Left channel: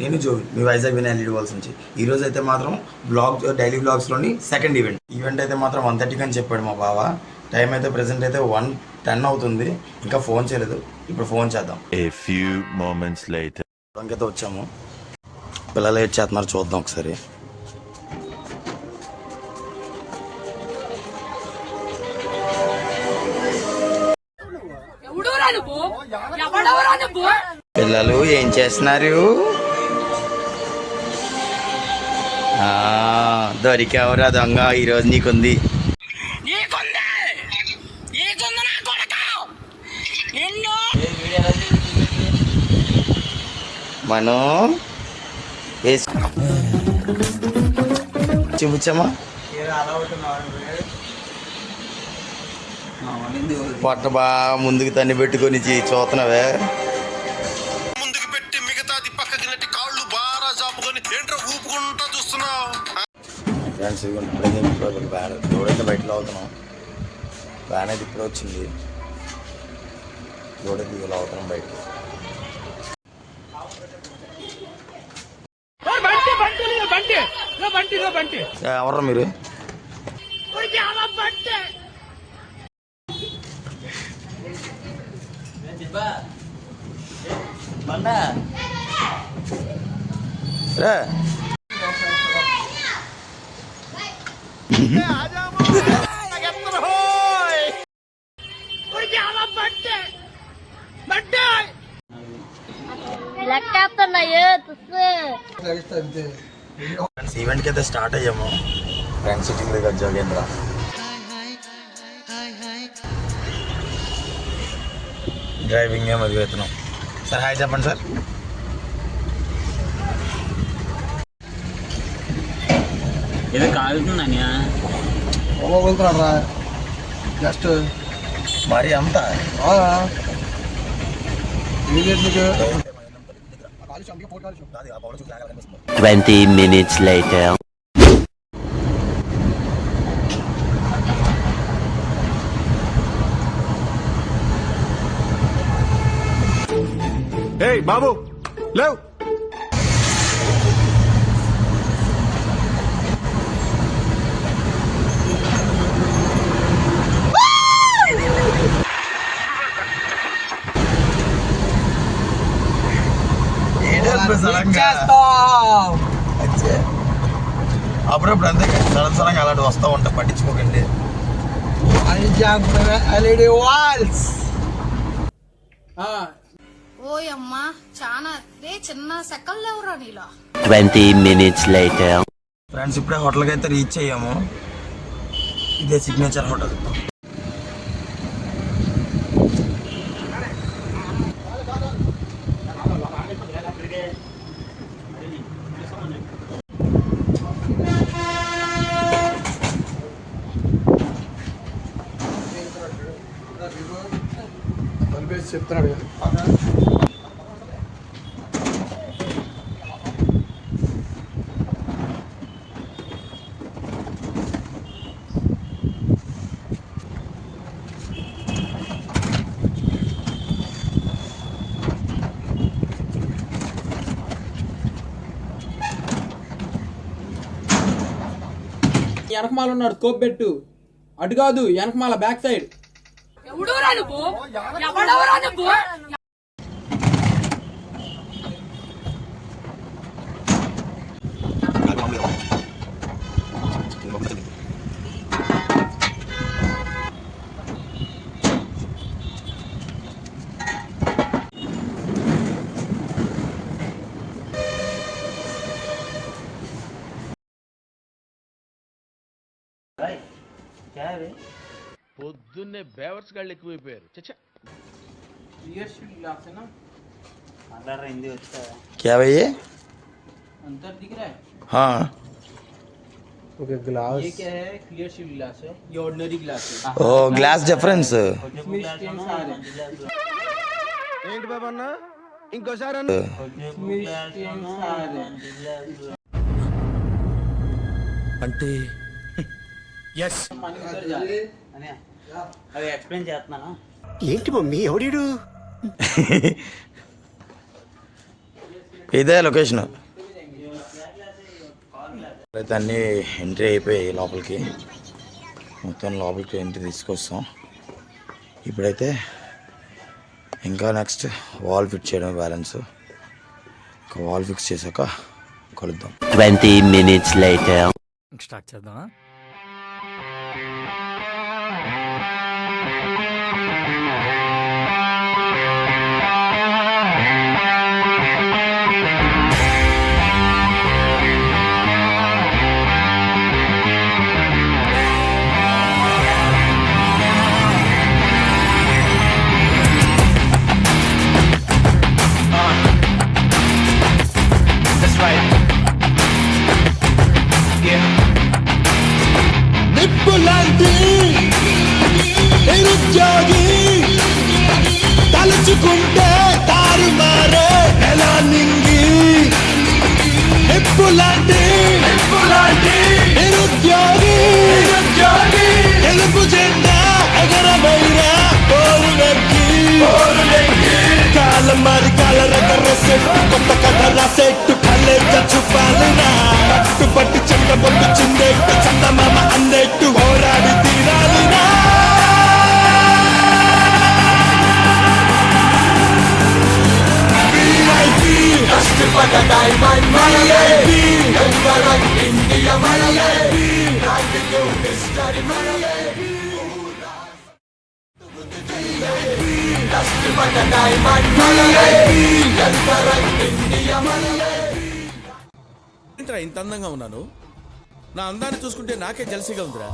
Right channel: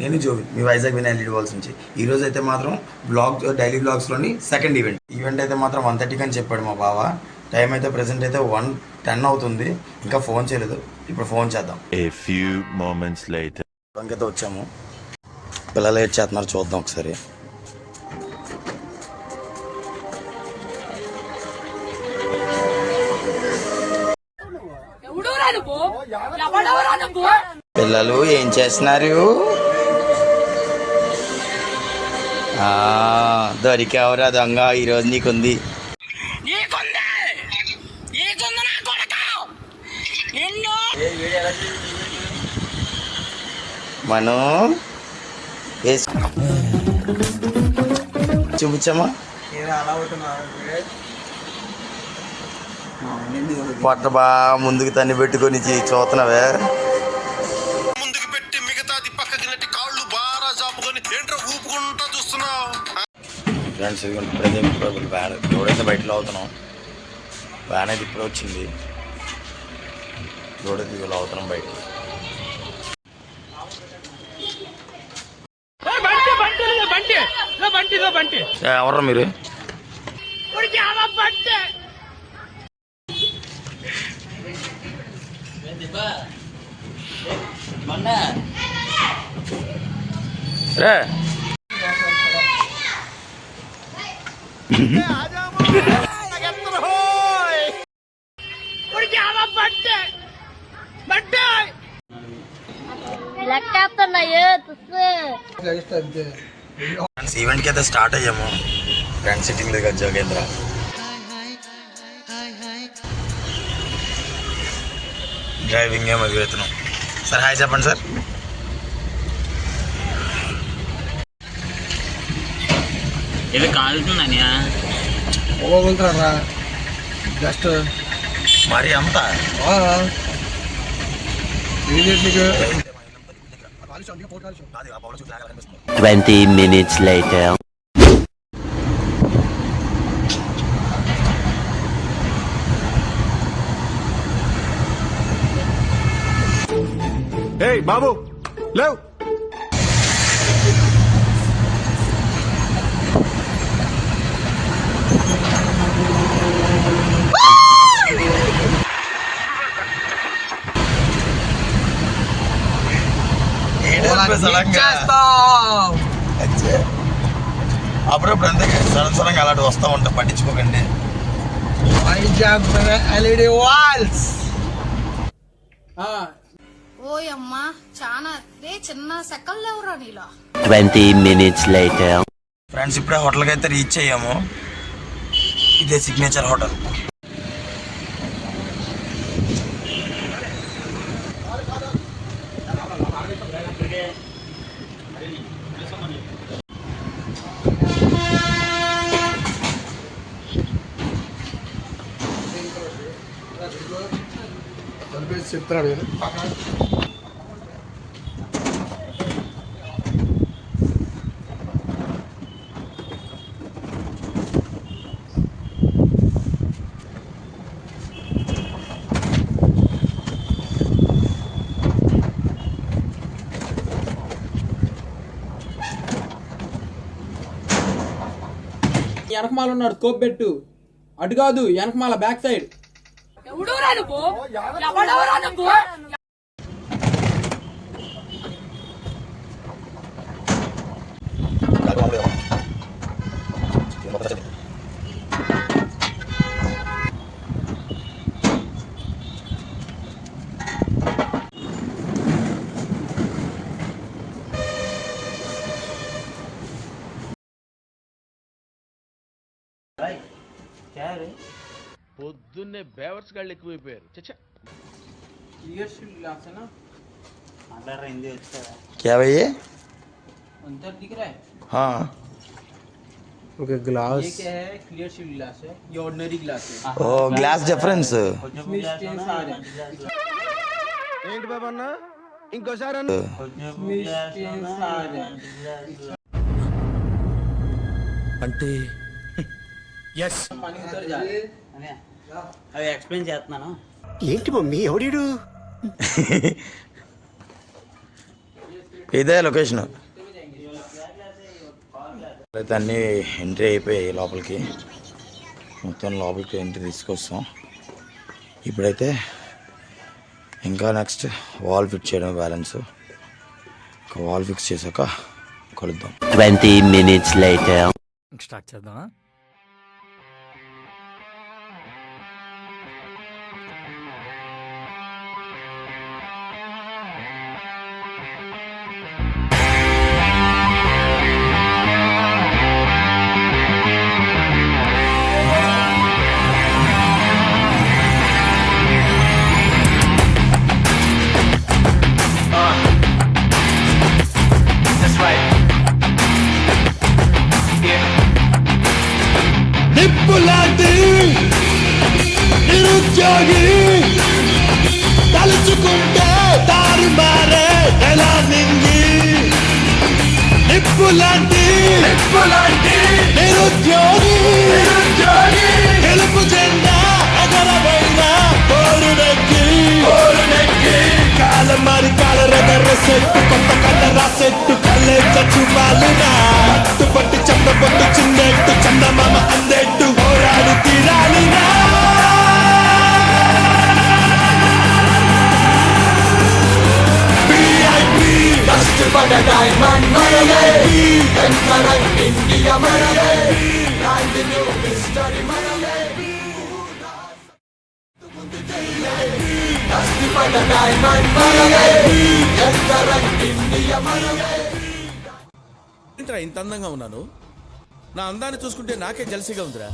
నేను జోవి మీ Vizag Vinayak lead walls నుంచి ఈ రోజు అయితే మాత్రం డైలీ బ్లాగ్స్లోని సెకండ్ ఈవెంట్ అయితే మాత్రం 1:30 అని చెప్పాడు మా బావ. టైం అయితే ప్రెసెంట్ అయితే 1:10 అవుతుంది. ఇంకా ఫోన్ చేయలేదు. ఇప్పుడు ఫోన్ చేద్దాం. అయితే వచ్చాము. పిల్లలు ఏడ్ చేస్తున్నారు, చూద్దాం ఒకసారి. పిల్లలు ఏం చేస్తున్నారు? దొరికావురా దొంగ, ఈరోజు నీకుంది. మనం చూపించామా? పొట్ట బాగా ముందుకు తన్ని పెట్టుకొని చూస్తున్నావే. ఫ్రెండ్స్ ఇప్పుడైతే వ్యాన్ రోడైతే బయటలో అవుతున్నాం. వ్యాన్ అయితే ఇప్పుడు వచ్చింది. రోడైతే ఇవాళ అవుతున్నాం బయట. ఎవరు మీరు? రే ఈవెంట్ కి అయితే స్టార్ట్ అయ్యాము. ఫ్రెండ్ సిట్టింగ్ లేదు కదా జోగేంద్ర. డ్రైవింగ్ ఏమో వెళ్తున్నాం. సార్ హాయ్ చెప్పండి సార్. ఇది కాలుతుందని జస్ట్ మరి అంతా 20 minutes later. Hey బాబు లేవ్. అప్పుడప్పుడు అంతే సడన్ సడన్గా అలాంటి వస్తూ ఉంటా, పట్టించుకోకండి. ఎల్ఈడి వాల్స్ ఓయమ్మా చాలా చిన్న సెకల్ ఎవరా నీలా. 20 minutes later. ఫ్రెండ్స్ ఇప్పుడే హోటల్కి అయితే రీచ్ అయ్యాము. ఇదే సిగ్నేచర్ హోటల్. చెప్తున్నాడు. వెనకమాల ఉన్నాడు, స్కోప్ పెట్టు. అటు కాదు, వెనకమాల బ్యాక్ సైడ్. పొద్దున్నే బేవర్స్ గాళ్ళు ఎక్కువైపోయారు. చచ్చా क्या भाई ये? अंदर दिख रहा है? हाँ ओके ग्लास. ये क्या है? क्लियर शीट ग्लास है, ये ऑर्डिनरी ग्लास है. ओ ग्लास डिफरेंस. इसमें स्टेन्स आ रहे हैं. ఏంటి బాబా అన్న ఇంకోసారి అన్న. इसमें स्टेन्स आ रहे हैं. అంటే ఎస్ पानी उतर जा रहा है. అవి ఎక్స్ప్లెయిన్ చేస్తున్నాను. ఏంటి మమ్మీ ఎవడీడు? ఇదే లొకేషన్. అయితే అన్నీ ఎంట్రీ అయిపోయాయి లోపలికి. మొత్తం లోపలికి ఎంట్రీ తీసుకొస్తాం. ఇప్పుడైతే ఇంకా నెక్స్ట్ వాల్ ఫిట్ చేయడం బ్యాలెన్స్. ఒక వాల్ ఫిక్స్ చేశాక కలుద్దాం. 20 minutes later. స్టార్ట్ చేద్దామా? That's right. Yeah. నిప్పులాంటి నిరుద్యోగి తలుచుకుంటే దారి మారే ఎలా నింగి. నిప్పులాంటి నిరుద్యోగి తెలుపు జెండా ఎగరవైనా కోరుడెక్కి కాలం మరి కాల రగరసే కొంత కథ రాసెట్టు కళ్ళెంత చూపాలనా పట్టి చంద్రబొట్ట చిందేట్టు చందమామ అందెట్టు ఓరాడి తీరాలినా. ఏంట్రా ఇంత అందంగా ఉన్నాను? నా అందాన్ని చూసుకుంటే నాకే జలసిగా ఉందిరా.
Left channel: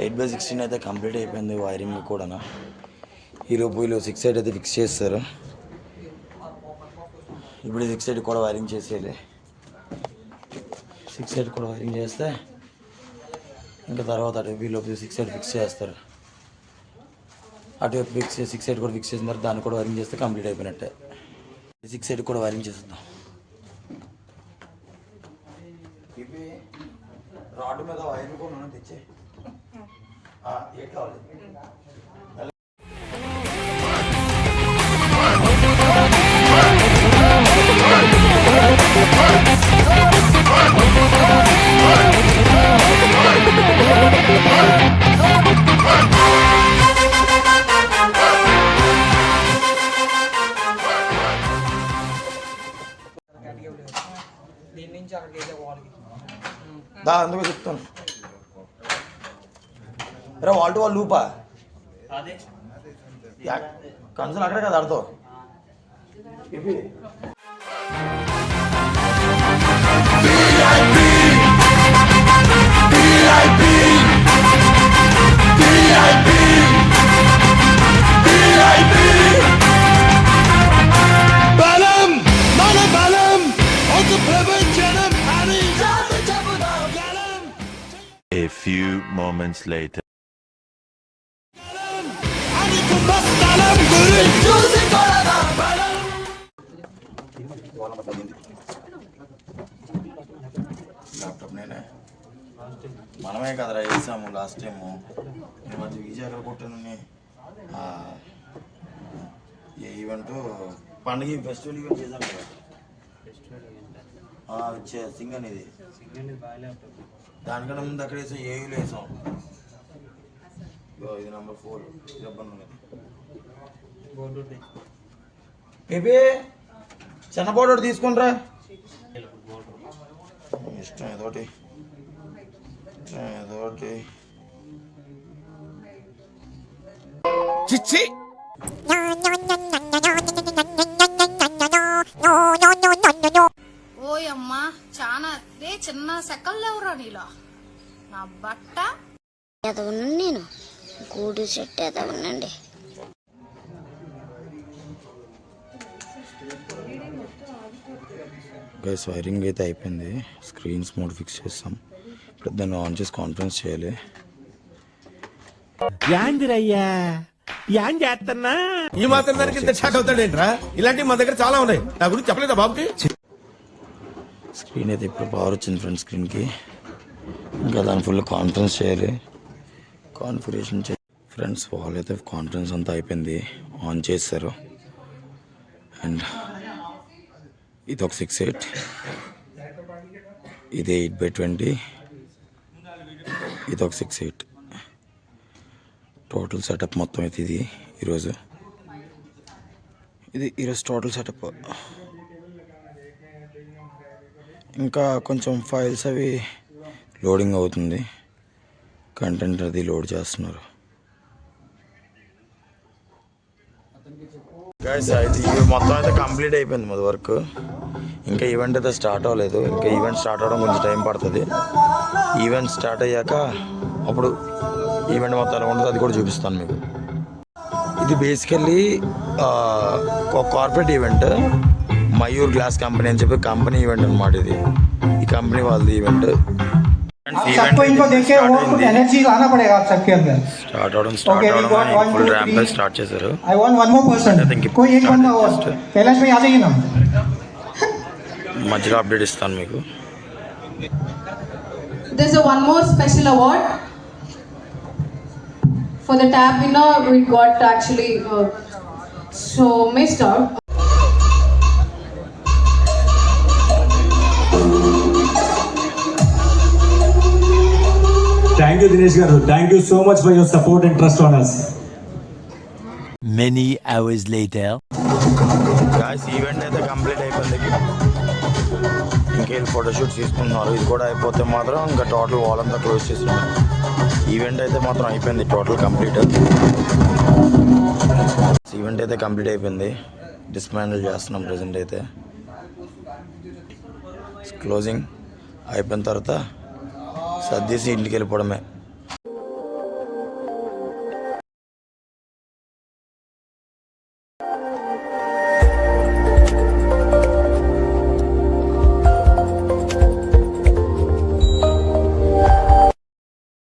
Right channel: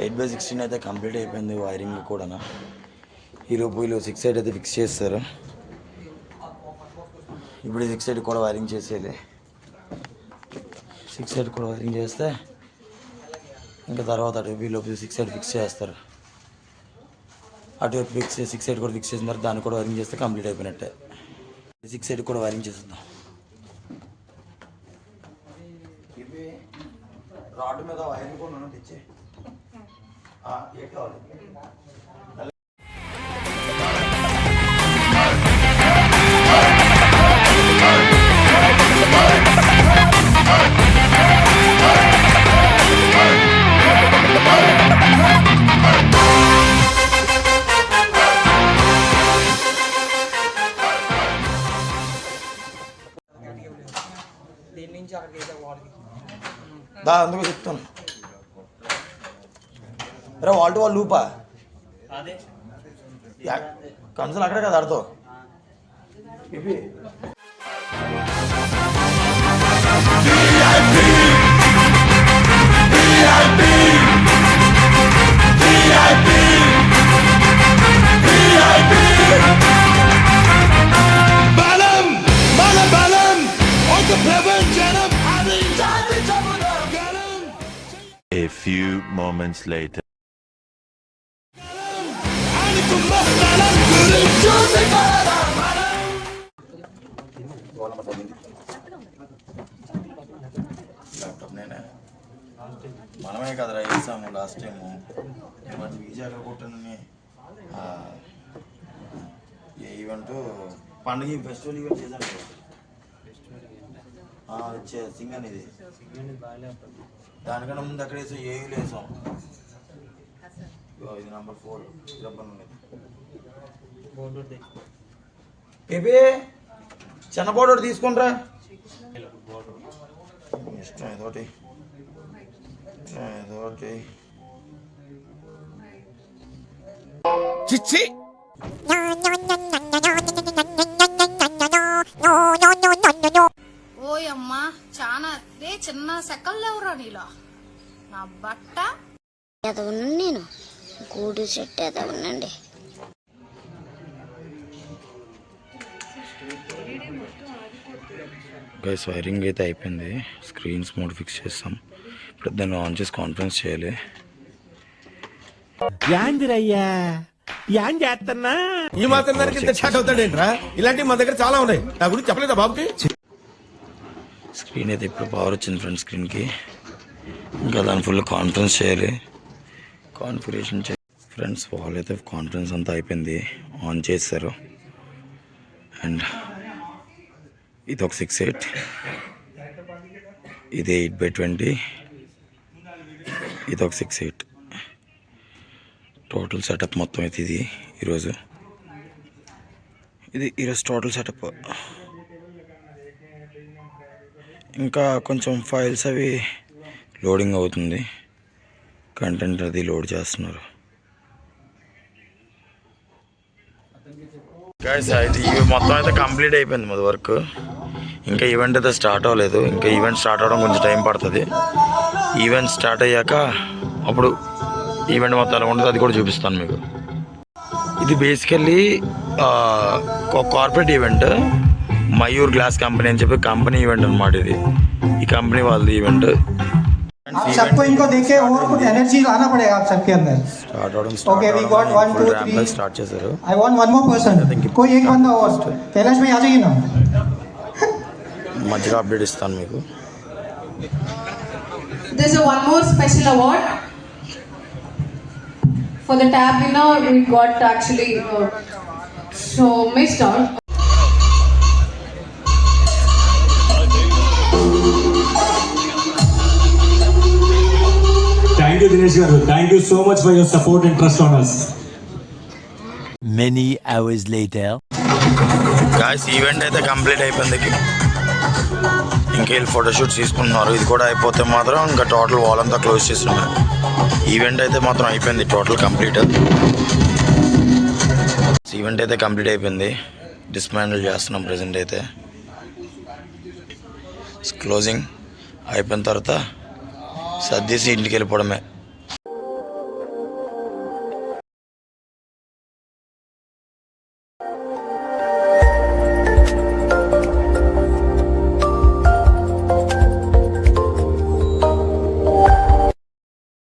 ఎయిట్ బై 16 అయితే కంప్లీట్ అయిపోయింది వైరింగ్ కూడా. ఈలోపు వీళ్ళు 6 సైడ్ అయితే ఫిక్స్ చేస్తారు. ఇప్పుడు 6 సైడ్ కూడా వైరింగ్ చేసేయాలి. 6 సైడ్ కూడా వైరింగ్ చేస్తే ఇంకా తర్వాత అటు వీళ్ళు 6 సైడ్ ఫిక్స్ చేస్తారు. అటు ఫిక్స్ 6 సైడ్ కూడా ఫిక్స్ చేసిన తర్వాత దాన్ని కూడా వైరింగ్ చేస్తే కంప్లీట్ అయిపోయినట్టే. 6 సైడ్ కూడా వైరింగ్ చేసేద్దాం. ఇవి రాడ్ మీద వైరింగ్ కూడా తెచ్చే ఏ కావాలి. అందుకు చెప్తాను రే వాల్ టు వాల్ లూపా కన్సల్ అక్కడే కదా ఆడుతో ఇవి A few moments later. Laptop నేనే మనమే కదరా వేసాము లాస్ట్ టైము. విజయ్ ఎక్కడ కొట్టానని ఏ ఈవెంట్ పండుగ ఫెస్టివల్ ఈవెంట్ చేశాను కదా. సింగ్ అనేది దానికన్నా ముందు అక్కడ వేసాం. ఏయూలో వేసాం. ఇది నెంబర్ 4 రబ్బన్ ఉన్నది. ఏపీ చిన్న బోర్డు తీసుకుంట్రా ఇష్టం ఏదోటి చిచ్చి ఓయమ్మా చాలా రే చిన్న సెకల్ ఎవరా నీలో నా బట్ట ఎదవను నేను గూడు చెట్టు ఎదవనండి. గైస్ వైరింగ్ అయితే అయిపోయింది. స్క్రీన్స్ మోడ్ ఫిక్స్ చేస్తాం. ఇప్పుడు దాన్ని ఆన్ చేసి కాన్ఫరెన్స్ చేయాలి. యాందిరయ్యా ఈ మాత్రం దానికి ఇంత షాక్ అవుతాడేంట్రా? ఇలాంటివి మన దగ్గర చాలా ఉన్నాయి. నా గురించి చెప్పలేదా బాబుకి? స్క్రీన్ అయితే ఇప్పుడు పవర్ వచ్చింది ఫ్రంట్ స్క్రీన్కి. ఇంకా దాని ఫుల్ కాన్ఫరెన్స్ చేయాలి, కాన్ఫిగరేషన్ చేయాలి. ఫ్రెండ్స్ వాల్ అయితే కాన్ఫరెన్స్ అంతా అయిపోయింది, ఆన్ చేశారు. అండ్ ఇది ఒక 6.8, ఇది 8/20, ఇది ఒక 6.8. టోటల్ సెటప్ మొత్తం అయితే ఇది ఈరోజు టోటల్ సెటప్. ఇంకా కొంచెం ఫైల్స్ అవి లోడింగ్ అవుతుంది, కంటెంట్ అది లోడ్ చేస్తున్నారు. ఇవి మొత్తం అయితే కంప్లీట్ అయిపోయింది మాది వర్క్. ఇంకా ఈవెంట్ అయితే స్టార్ట్ అవ్వలేదు. ఇంకా ఈవెంట్ స్టార్ట్ అవ్వడం కొంచెం టైం పడుతుంది. ఈవెంట్ స్టార్ట్ అయ్యాక అప్పుడు ఈవెంట్ మొత్తం ఎలా ఉంటుంది అది కూడా చూపిస్తాను మీకు. ఇది basically corporate event, Mayur glass company అని చెప్పి కంపెనీ ఈవెంట్ అనమాట. ఇది ఈ కంపెనీ వాళ్ళది ఈవెంట్. స్టార్ట్ అవడం ఫుల్ ర్యాంప్ స్టార్ట్ చేశారు. మధ్యలో అప్డేట్ ఇస్తాను మీకు. There's one more special award for the tab winner. We got actually so missed out. Thank you, Dinesh garu. Thank you so much for your support and trust on us. Many hours later. Guys event అయితే complete అయిపోయింది. ఇంకా వీళ్ళు photoshoots తీసుకుంటున్నారు. ఇది కూడా అయిపోతే మాత్రం ఇంకా టోటల్ వాల్ అంతా క్లోజ్ చేస్తున్నారు. ఈవెంట్ అయితే మాత్రం అయిపోయింది టోటల్ కంప్లీట్. ఈవెంట్ అయితే కంప్లీట్ అయిపోయింది. డిస్మాండిల్ చేస్తున్నాం ప్రజెంట్ అయితే. క్లోజింగ్ అయిపోయిన తర్వాత సర్దేసి ఇంటికి వెళ్ళిపోవడమే.